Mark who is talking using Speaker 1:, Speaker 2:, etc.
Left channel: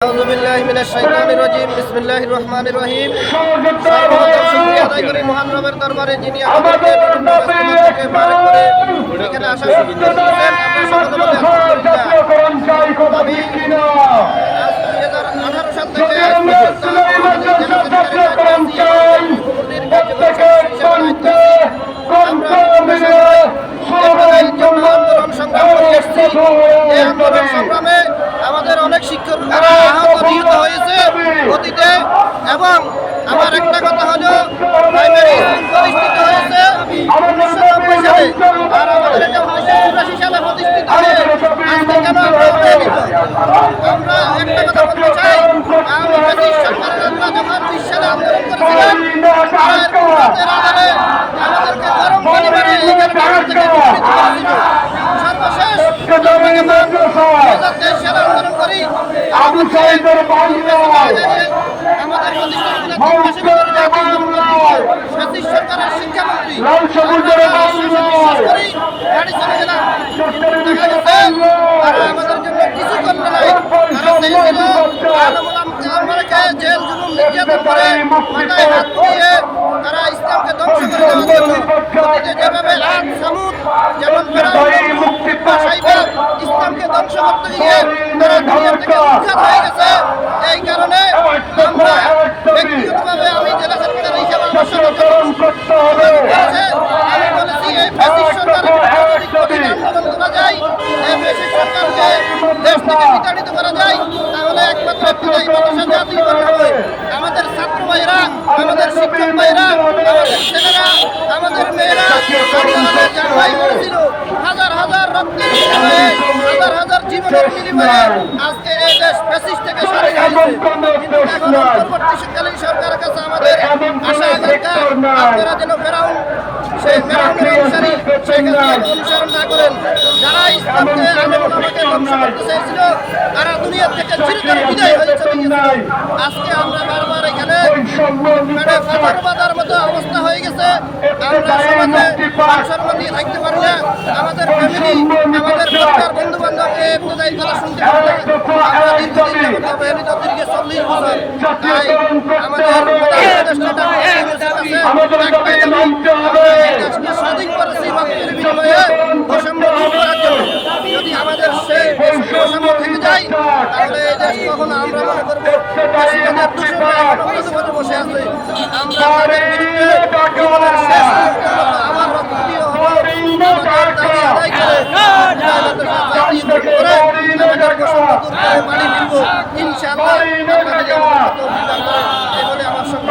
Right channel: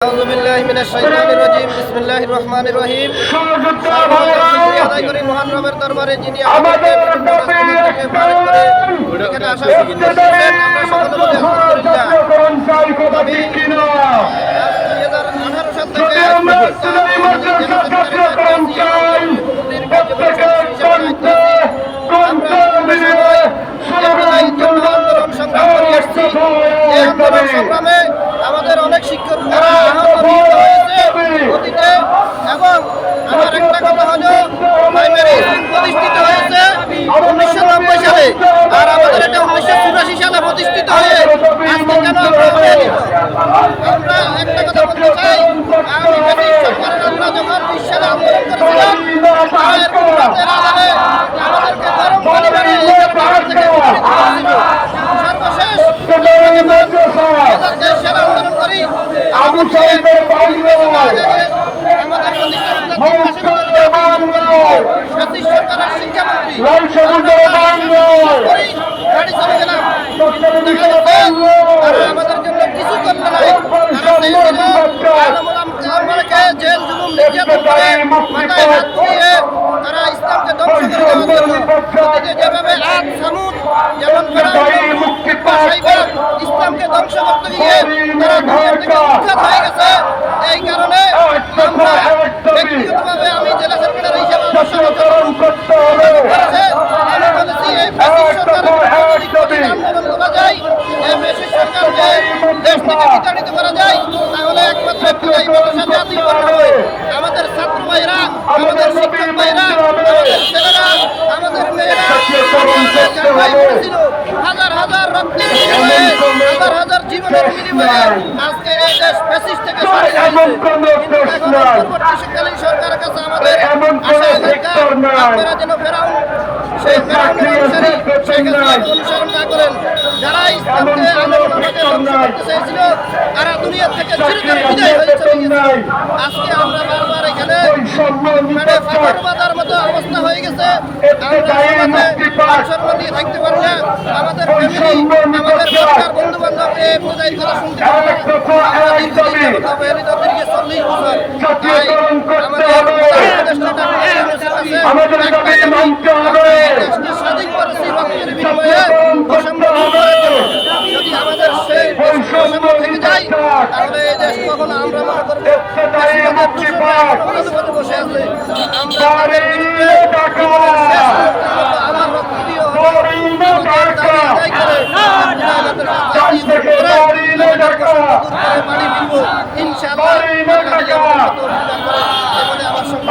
Speaker 1: আউযু বিল্লাহি মিনাশ শাইতানির রাজিম। বিসমিল্লাহির রহমানির রহিম। মহান রবের দরবারে, যিনি আমাদেরকে বিভিন্ন সংগ্রাম করে এসেছি আন্দোলন সংগ্রামে আমাদের অনেক শিক্ষকরা আহত নিহত হয়েছে অতীতে এবং আমার কথা হলো প্রাইমারি স্কুল প্রতিষ্ঠিত হয়েছে উনিশশো নব্বই সালে। আর আমাদের এটা উনিশশো চুরাশি সালে প্রতিষ্ঠিত হয়ে আমরা একটা কথা বলতে চাই আমি ব্রিটিশ সরকারের আমরা যখন বিশ আন্দোলন করেছিলাম আমাদেরকে গরম পানি থেকে সর্বশেষ আমরা আন্দোলন করি ব্রিটিশ সরকারের শিক্ষামন্ত্রী। গাড়ি চলে গেলাম। কিন্তু দেখা গেছে তারা আমাদের জন্য কিছু করল নাই। তারা চেয়েছিল আমাকে জেল জুলুম নির্যাতন করে মাথায় হাত দিয়ে তারা ইসলামকে ধ্বংস করে দেওয়ার জন্য যেভাবে আজ সামুদ যেমন ইসলামকে ধ্বংস করতে গিয়ে তারা দুনিয়া থেকে উৎখাত হয়ে গেছে। এই কারণে আমরা ব্যক্তিগতভাবে আমি জেলা সেক্রেটারি হিসেবে আমার সাথে যখন যোগাযোগ করেছে। আমি বলেছি এই ফ্যাসিস্ট সরকারের বিরুদ্ধে যদি কঠিন আন্দোলন করা যায় এই সরকারকে দেশ থেকে বিতাড়িত করা যায় তাহলে একমাত্র একটাই মানুষের জাতীয়করণ হবে। আমাদের ছাত্র ভাইরা আমাদের শিক্ষক ভাইরা আমাদের ছেলেরা আমাদের মেয়েরা হাজার হাজার রক্তের হাজার হাজার জীবনের বিনিময়ে আজকে এই দেশ ফ্যাসিস্ট থেকে স্বাধীন হয়েছে কিন্তু এখন অন্তর্বর্তীকালীন সরকারের কাছে আমাদের আশা আকাঙ্ক্ষা আপনারা যেন ফেরাউন সেই ফেরাউনের অনুসারী শেখ হাসিনাকে অনুসরণ না করেন। যারা ইসলামকে আন্দোলন আমাকে ধ্বংস করতে চেয়েছিল তারা দুনিয়া থেকে চিরতরে বিদায় হয়ে চলে গেছে। আজকে আমরা বারবার এখানে মানে মতো অবস্থা হয়ে গেছে। আমরা সমাজে থাকতে পারি না। আমাদের ফ্যামিলি আমাদের পরিবার বন্ধু এই কথা আমরা দীর্ঘদিন তাই আমাদের প্রধান উপদেষ্টা দেশকে স্বাধীন করেছি রক্তের বিনিময়ে জন্য। যদি আমাদের সেই বৈষম্য থেকে যায়, তাহলে দেশ কখনো আমরা মনে করব বসে আছে। আমরা রক্ত দিয়ে আমাদের দাবি দূর করে বাড়ি ফিরবো। ইনশাআল্লাহ আল্লাহ যদি আমাদের তৌফিক দান করে এ বলে আমার সঙ্গে